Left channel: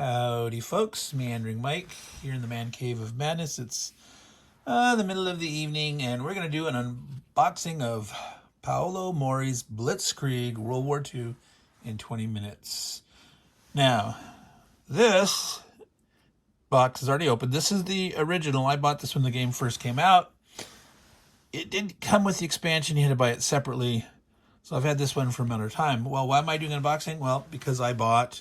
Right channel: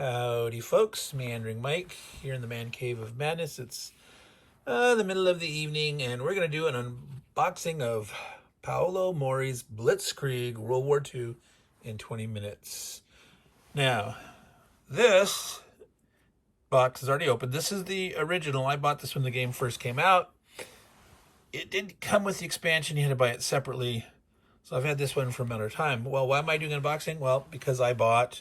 Howdy folks, Meandering Mike here in the man cave of madness. It's the middle of the evening and we're going to do an unboxing of Paolo Mori's Blitzkrieg World War II in 20 minutes. Now, this box is already open. This is the original. I bought this when the game first came out. It didn't come with the expansion. You had to buy it separately. So I've had this one for a matter of time. Well, why am I doing an unboxing? Well, because I bought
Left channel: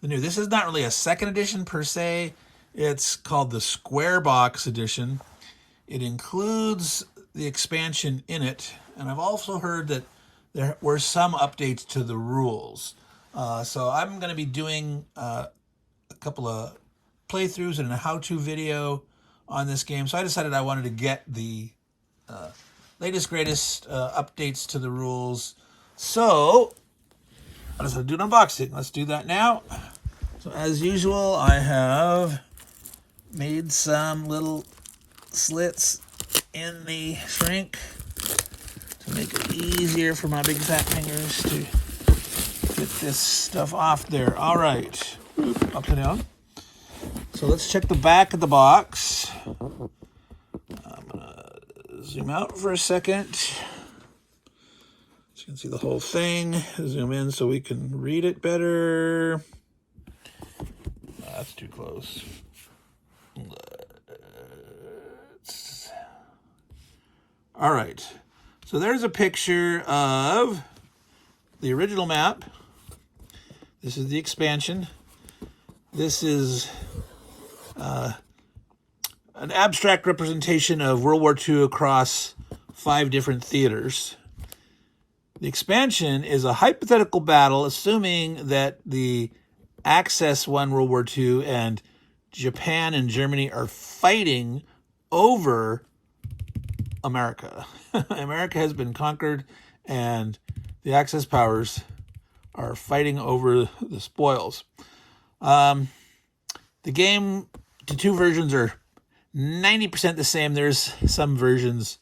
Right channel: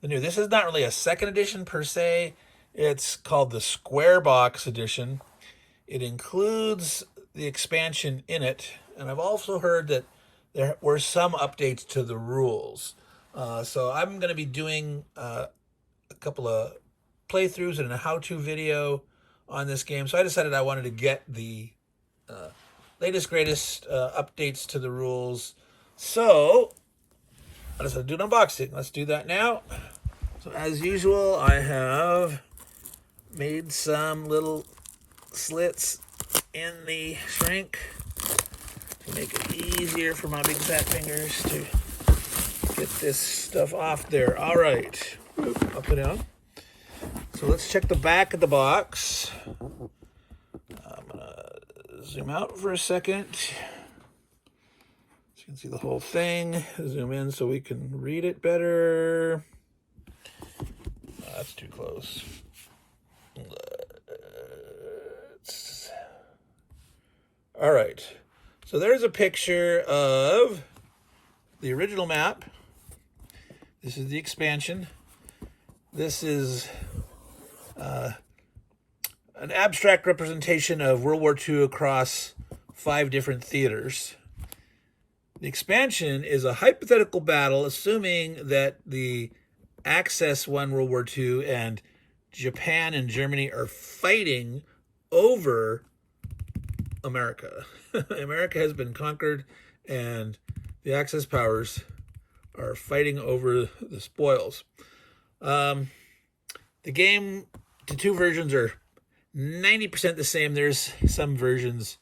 the new. This is not really a second edition per se. It's called the Square Box Edition. It includes the expansion in it. And I've also heard that there were some updates to the rules. So I'm going to be doing a couple of playthroughs and a how-to video on this game. So I decided I wanted to get the latest, greatest updates to the rules. So I decided to do an unboxing. Let's do that now. So as usual, I have made some little slits in the shrink to make it easier for my big fat fingers to get this stuff off there. All right, up and down. So let's check the back of the box. I'm gonna zoom out for a second so you can see the whole thing. Zoom in so we can read it better. That's too close. All right. So there's a picture of the original map. This is the expansion. This is an abstract representation of World War II across 5 different theaters. The expansion is a hypothetical battle, assuming that the Axis won World War II and Japan and Germany are fighting over America. America has been conquered and the Axis powers are fighting over the spoils. The game, the 2 versions are 90% the same. There's some versions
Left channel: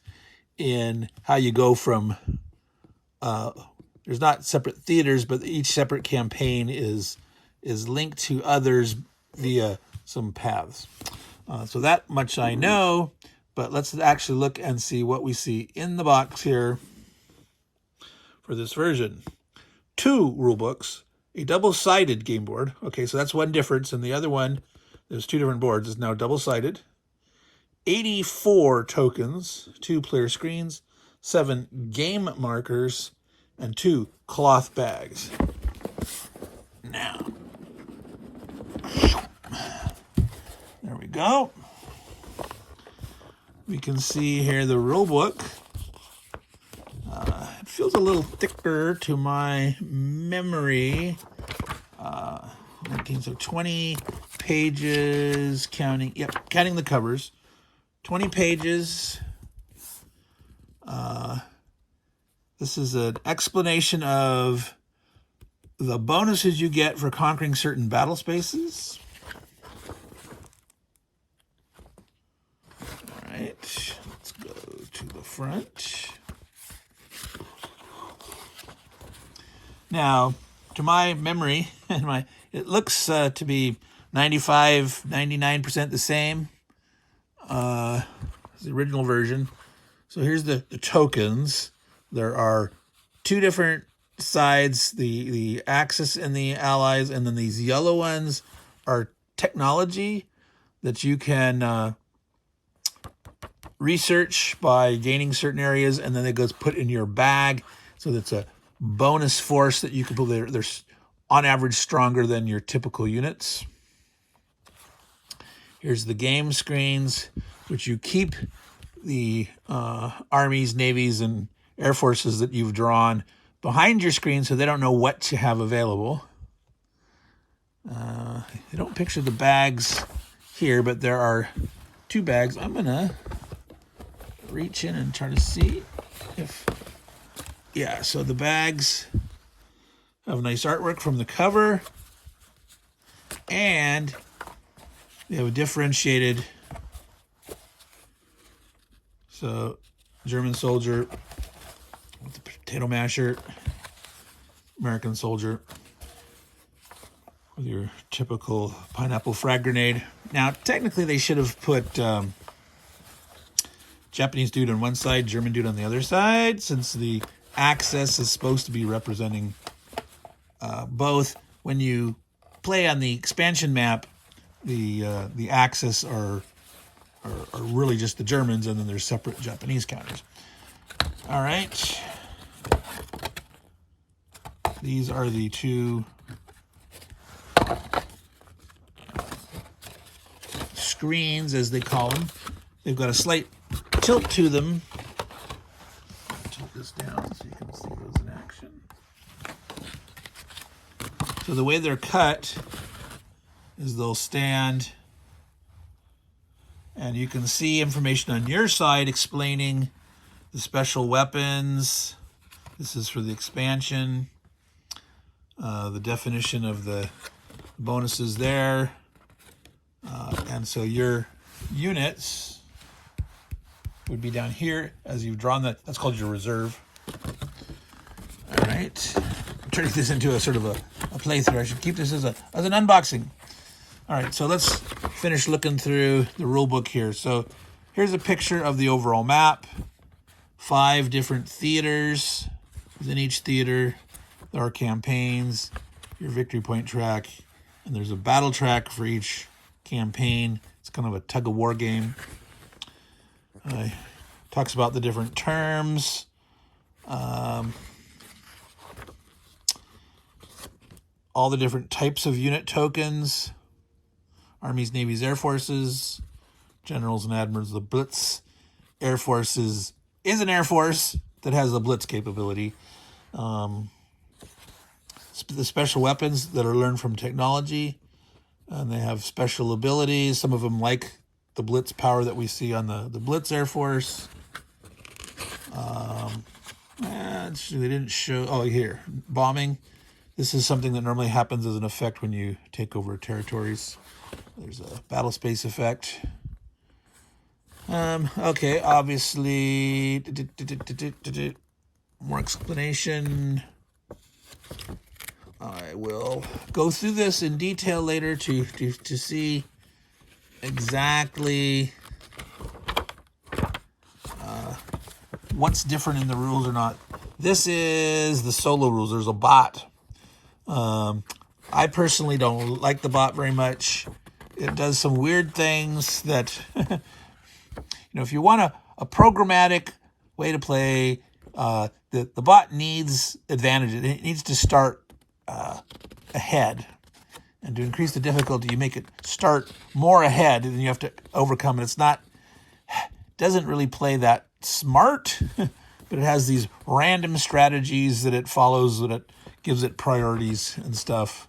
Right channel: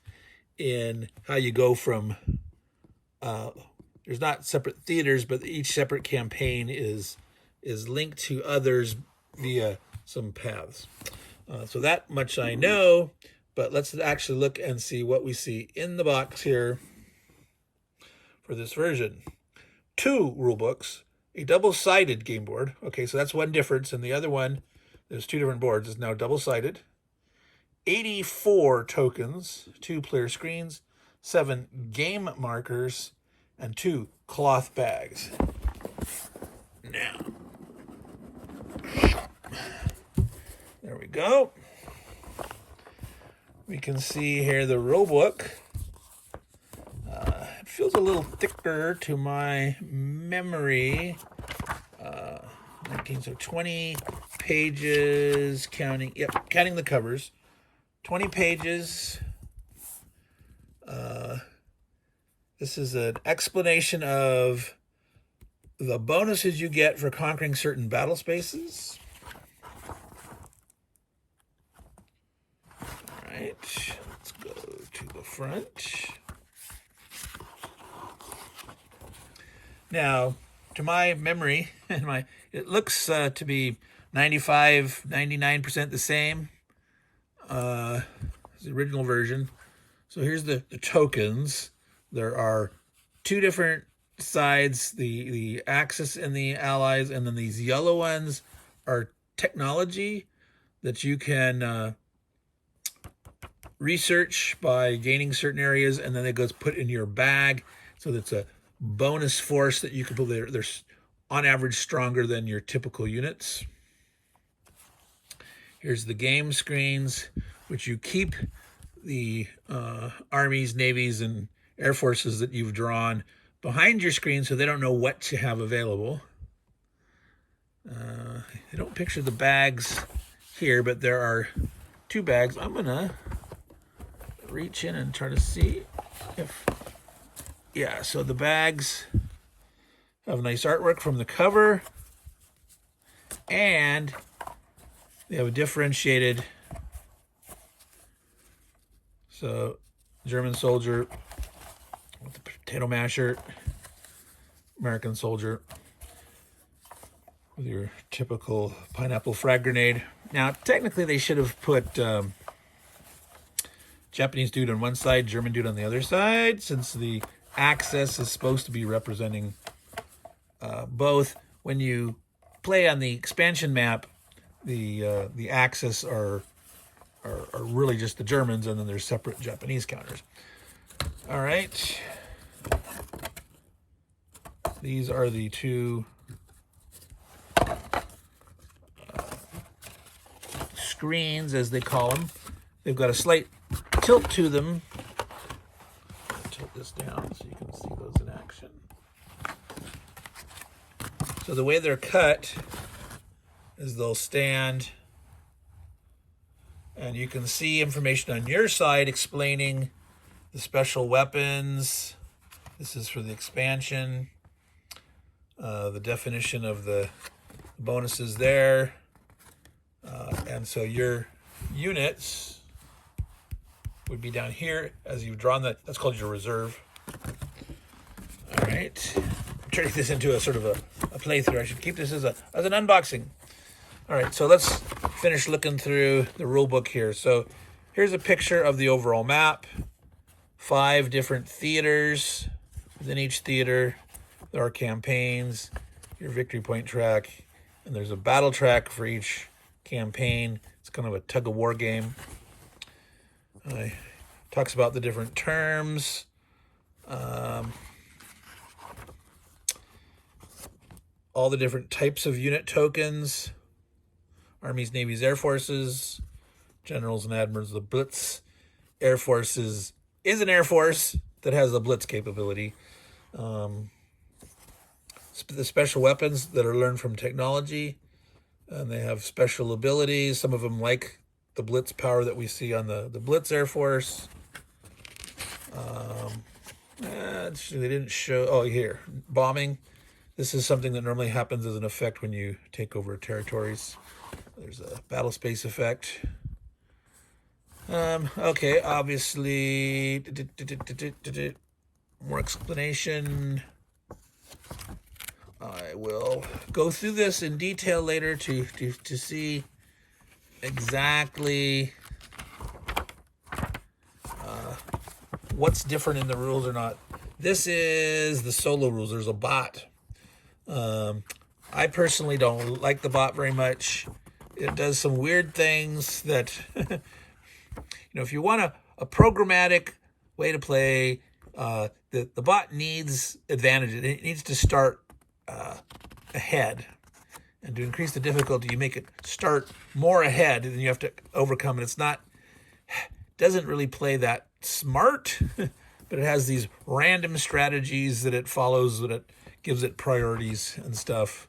in how you go from, there's not separate theaters, but each separate campaign is linked to others via some paths. So that much I know, but let's actually look and see what we see in the box here for this version. 2 rule books, a double-sided game board. Okay, so that's one difference, and the other one, there's 2 different boards, is now double-sided. 84 tokens, 2 player screens, 7 game markers, and 2 cloth bags. Now, there we go. We can see here the rule book. It feels a little thicker to my memory. 20 pages, counting the covers. 20 pages. This is an explanation of the bonuses you get for conquering certain battle spaces. All right, let's go to the front. Now, to my memory, it looks to be 95, 99% the same as the original version. So here's the tokens. There are 2 different sides, the Axis and the Allies, and then these yellow ones are technology that you can research by gaining certain areas, and then it goes put in your bag. So that's a bonus force that you can pull. They're on average stronger than your typical units. Here's the game screens, which you keep the armies, navies, and air forces that you've drawn behind your screen so they don't know what you have available. They don't picture the bags here, but there are 2 bags. I'm gonna reach in and try to see if, yeah, so the bags have nice artwork from the cover, and they have a differentiated, so German soldier with the potato masher, American soldier. with your typical pineapple frag grenade. Now, technically, they should have put Japanese dude on one side, German dude on the other side, since the axis is supposed to be representing both. When you play on the expansion map, the axis are really just the Germans, and then there's separate Japanese counters. All right. These are the two screens, as they call them. They've got a slight tilt to them. Tilt this down so you can see those in action. So the way they're cut is they'll stand, and you can see information on your side explaining the special weapons. This is for the expansion. The definition of the bonuses there. And so your units would be down here as you've drawn that. That's called your reserve. All right. I'm turning this into a sort of a playthrough. I should keep this as an unboxing. All right, so let's finish looking through the rule book here. So here's a picture of the overall map. 5 different theaters. Within each theater, there are campaigns, your victory point track, and there's a battle track for each campaign. It's kind of a tug-of-war game. Talks about the different terms. All the different types of unit tokens. Armies, Navies, Air Forces, Generals and Admirals, the Blitz. Air Forces is an Air Force that has a Blitz capability. The special weapons that are learned from technology, and they have special abilities. Some of them like the Blitz power that we see on the Blitz Air Force. They didn't show, oh, here, bombing. This is something that normally happens as an effect when you take over territories. There's a battle space effect. Okay, obviously, more explanation. I will go through this in detail later to see exactly what's different in the rules or not. This is the solo rules. There's a bot. I personally don't like the bot very much. It does some weird things that, if you want a programmatic way to play, the bot needs advantages. It needs to start ahead. And to increase the difficulty, you make it start more ahead, and you have to overcome it. Doesn't really play that smart, but it has these random strategies that it follows, that it gives it priorities and stuff.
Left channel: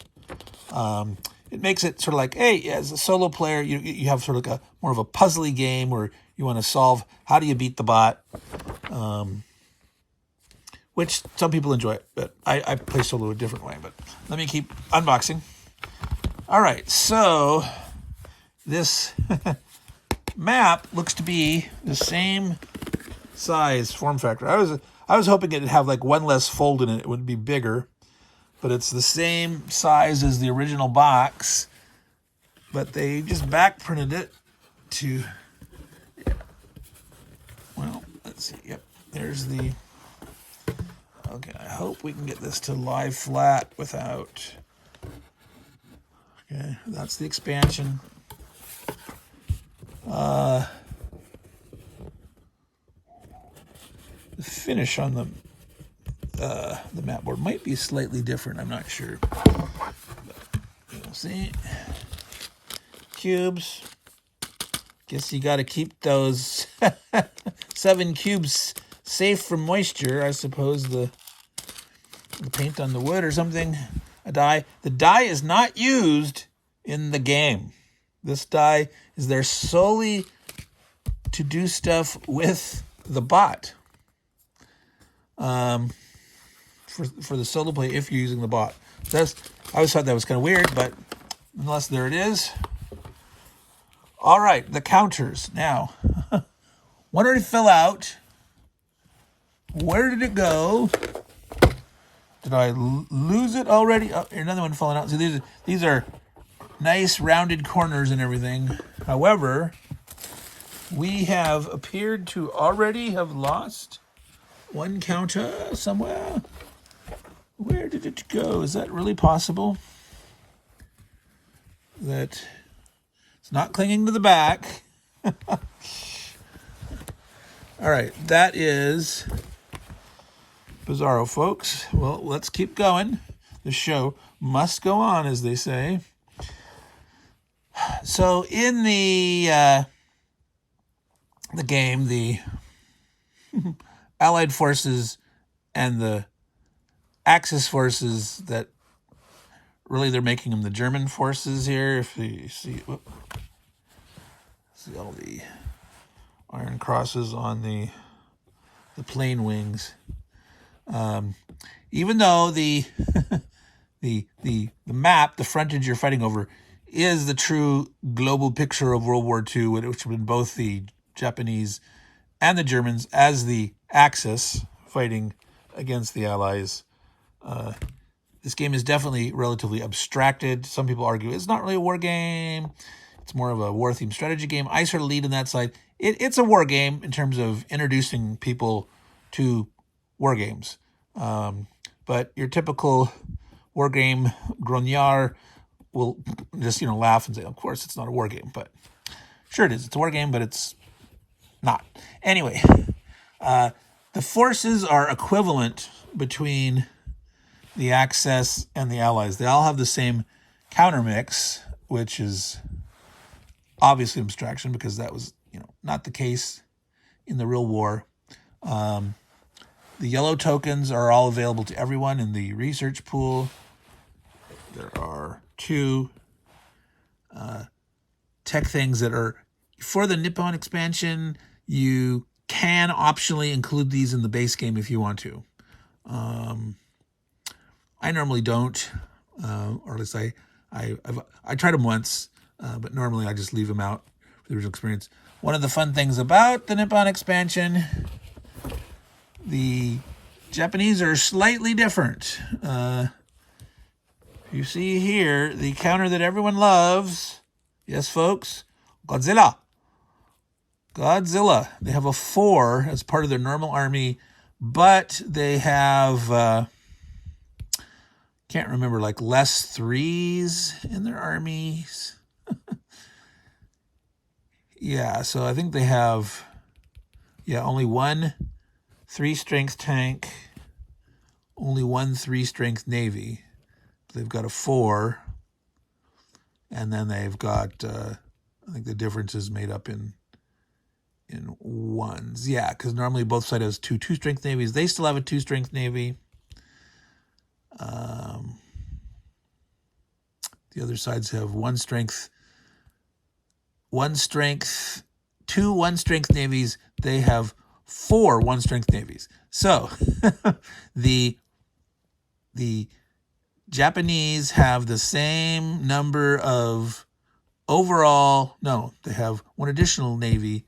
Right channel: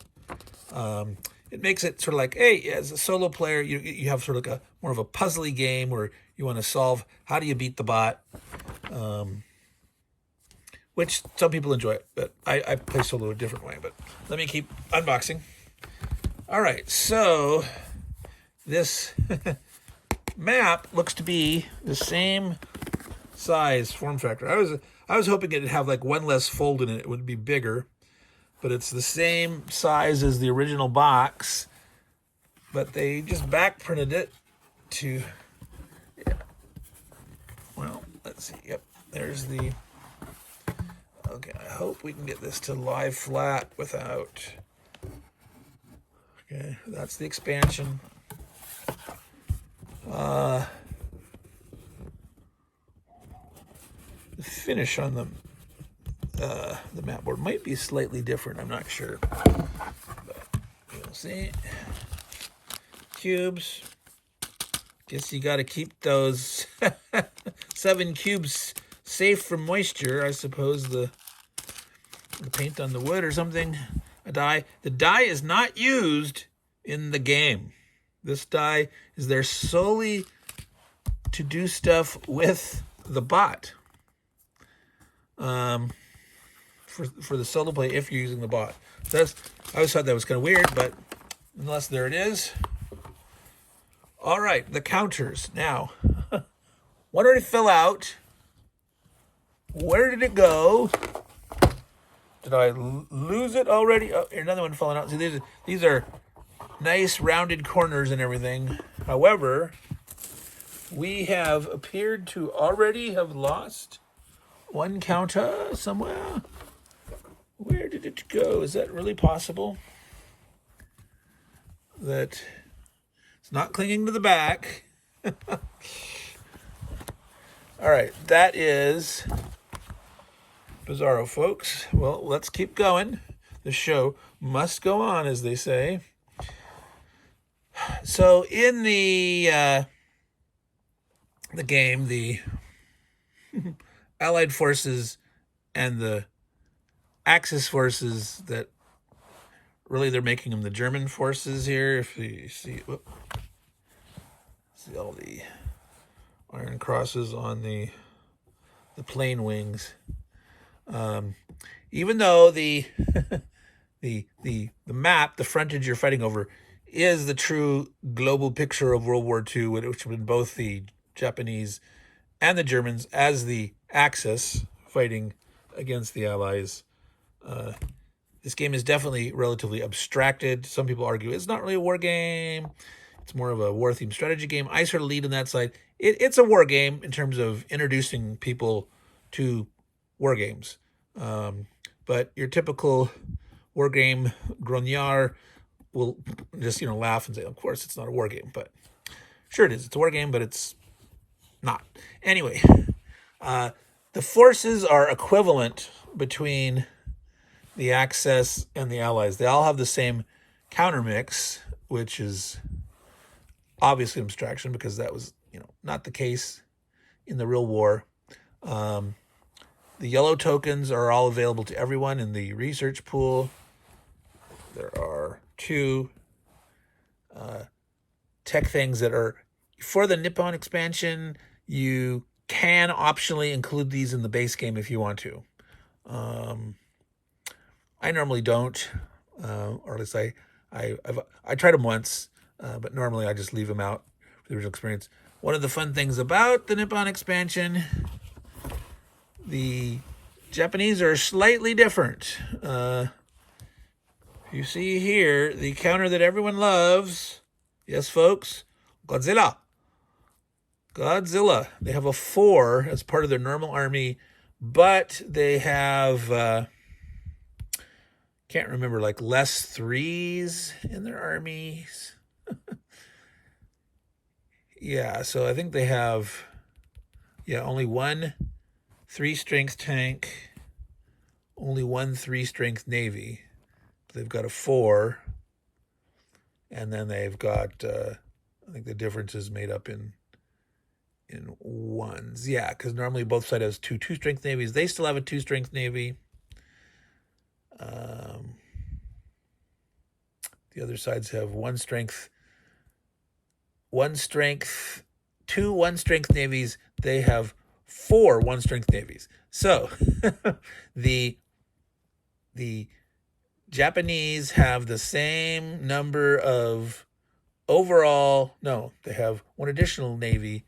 It makes it sort of like, hey, as a solo player, you have sort of like more of a puzzly game where you want to solve how do you beat the bot, which some people enjoy it, but I play solo a different way. But let me keep unboxing. All right, so this map looks to be the same size form factor. I was hoping it'd have like one less fold in it. It would be bigger. But it's the same size as the original box, but they just back printed it to, well, let's see. Yep, there's the, okay, I hope we can get this to lie flat without, okay, that's the expansion. The finish on the map board might be slightly different. I'm not sure. But you'll see. Cubes. Guess you got to keep those 7 cubes safe from moisture. I suppose the paint on the wood or something. A die. The die is not used in the game. This die is there solely to do stuff with the bot. For the solo play, if you're using the bot. I always thought that was kind of weird, but nonetheless, there it is. All right, the counters. Now, what did it fill out? Where did it go? Did I lose it already? Oh, another one falling out. So these are nice rounded corners and everything. However, we have appeared to already have lost one counter somewhere. Where did it go? Is that really possible? That it's not clinging to the back. All right, that is bizarro, folks. Well, let's keep going. The show must go on, as they say. So in the game, the Allied forces and the Axis forces, that really they're making them the German forces here. If you see, see all the iron crosses on the plane wings. Even though the the map, the frontage you're fighting over, is the true global picture of World War II, which would have been both the Japanese and the Germans as the Axis fighting against the Allies. This game is definitely relatively abstracted. Some people argue it's not really a war game. It's more of a war-themed strategy game. I sort of lead on that side. It's a war game in terms of introducing people to war games. But your typical war game grognard will just, laugh and say, of course, it's not a war game. But sure it is. It's a war game, but it's not. Anyway, the forces are equivalent between the Axis and the Allies. They all have the same counter mix, which is obviously an abstraction because that was, not the case in the real war. The yellow tokens are all available to everyone in the research pool. There are 2 tech things that are for the Nippon expansion. You can optionally include these in the base game if you want to. I normally don't, or at least I tried them once, but normally I just leave them out for the original experience. One of the fun things about the Nippon expansion, the Japanese are slightly different. You see here the counter that everyone loves. Yes, folks, Godzilla. They have a 4 as part of their normal army, but they have can't remember, like less 3s in their armies. Yeah, so I think they have only 1 3-strength tank, only 1 3-strength navy. They've got a 4, and then they've got I think the difference is made up in 1s. Yeah, because normally both sides has 2 2-strength navies. They still have a 2-strength navy. The other sides have 1 strength, 2 1-strength navies. They have 4 1-strength navies. So the Japanese have the same number of overall. No, they have 1 additional navy,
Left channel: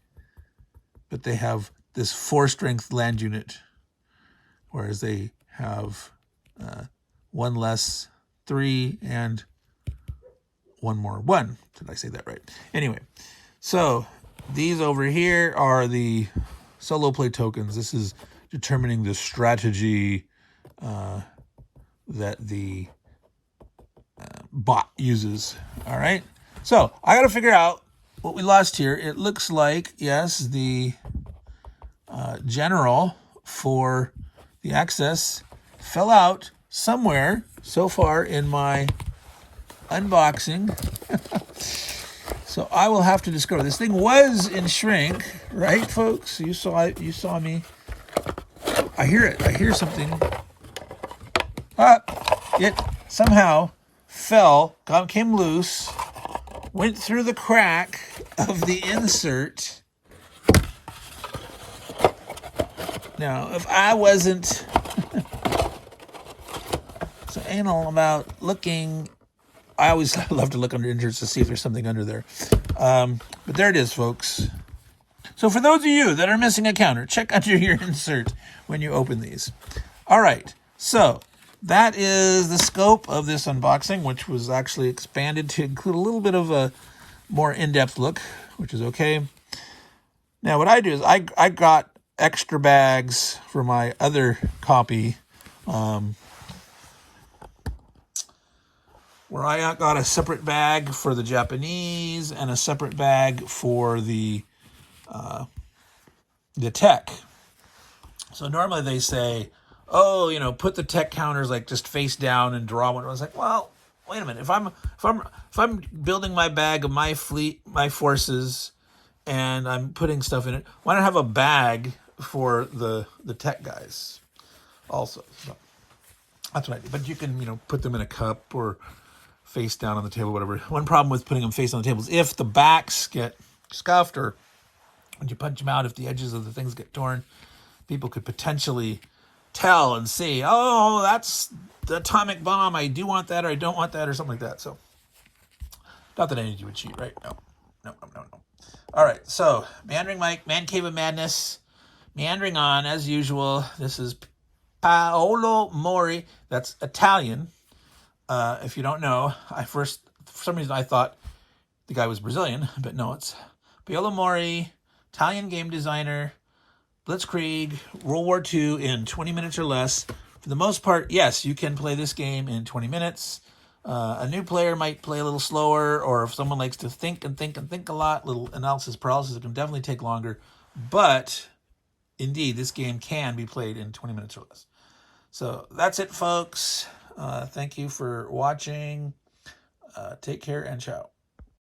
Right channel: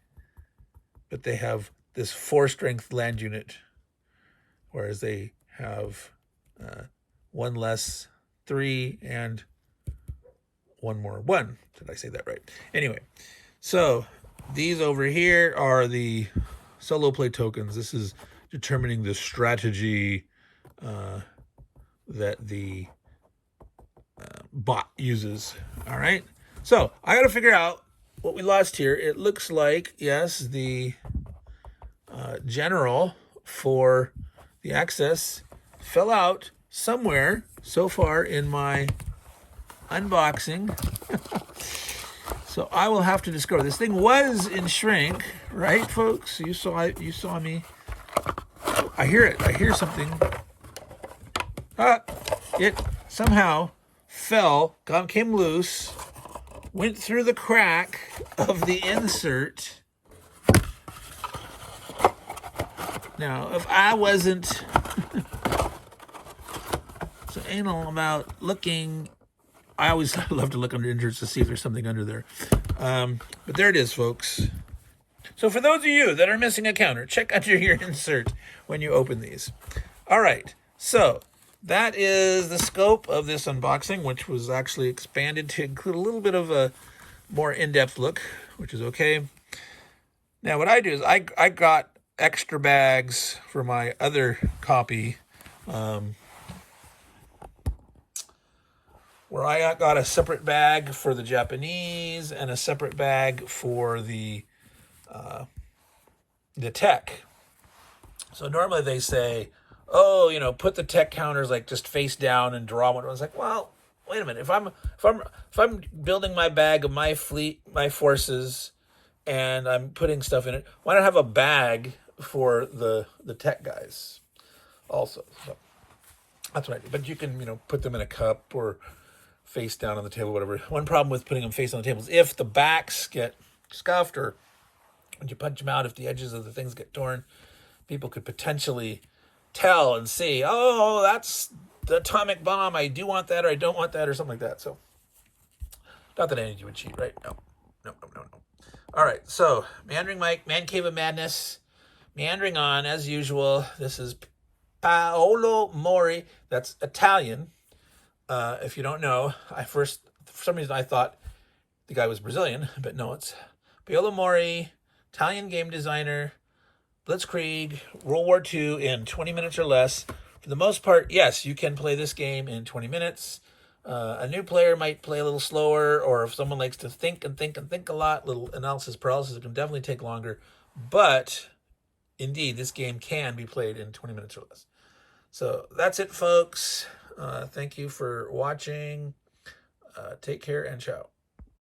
but they have this 4-strength land unit, whereas they have 1 less 3 and 1 more 1. Did I say that right? Anyway, so these over here are the solo play tokens. This is determining the strategy that the bot uses. All right. So I got to figure out what we lost here. It looks like, yes, the general for the Axis fell out somewhere so far in my unboxing. So I will have to discover. This thing was in shrink, right, folks? You saw me. I hear it. I hear something. It somehow fell, came loose, went through the crack of the insert. Now, if I wasn't so anal about looking, I always love to look under inserts to see if there's something under there. But there it is, folks. So for those of you that are missing a counter, check under your insert when you open these. All right. So that is the scope of this unboxing, which was actually expanded to include a little bit of a more in-depth look, which is okay. Now, what I do is I got extra bags for my other copy, where I got a separate bag for the Japanese and a separate bag for the tech. So normally they say, oh, you know, put the tech counters like just face down and draw one. I was like, well, wait a minute. If I'm building my bag of my fleet, my forces, and I'm putting stuff in it, why don't I have a bag for the tech guys also? So that's what I do. But you can, you know, put them in a cup or face down on the table, whatever. One problem with putting them face on the table is if the backs get scuffed, or when you punch them out, if the edges of the things get torn, people could potentially tell and see, oh, that's the atomic bomb. I do want that, or I don't want that, or something like that. So, not that any of you would cheat, right? No. All right, so Meandering Mike, Man Cave of Madness, meandering on as usual. This is Paolo Mori. That's Italian. If you don't know, for some reason I thought the guy was Brazilian, but no, it's Paolo Mori, Italian game designer, Blitzkrieg, World War II in 20 minutes or less. For the most part, yes, you can play this game in 20 minutes. A new player might play a little slower, or if someone likes to think a lot, little analysis paralysis, it can definitely take longer. But indeed, this game can be played in 20 minutes or less. So that's it, folks. Thank you for watching. Take care and ciao.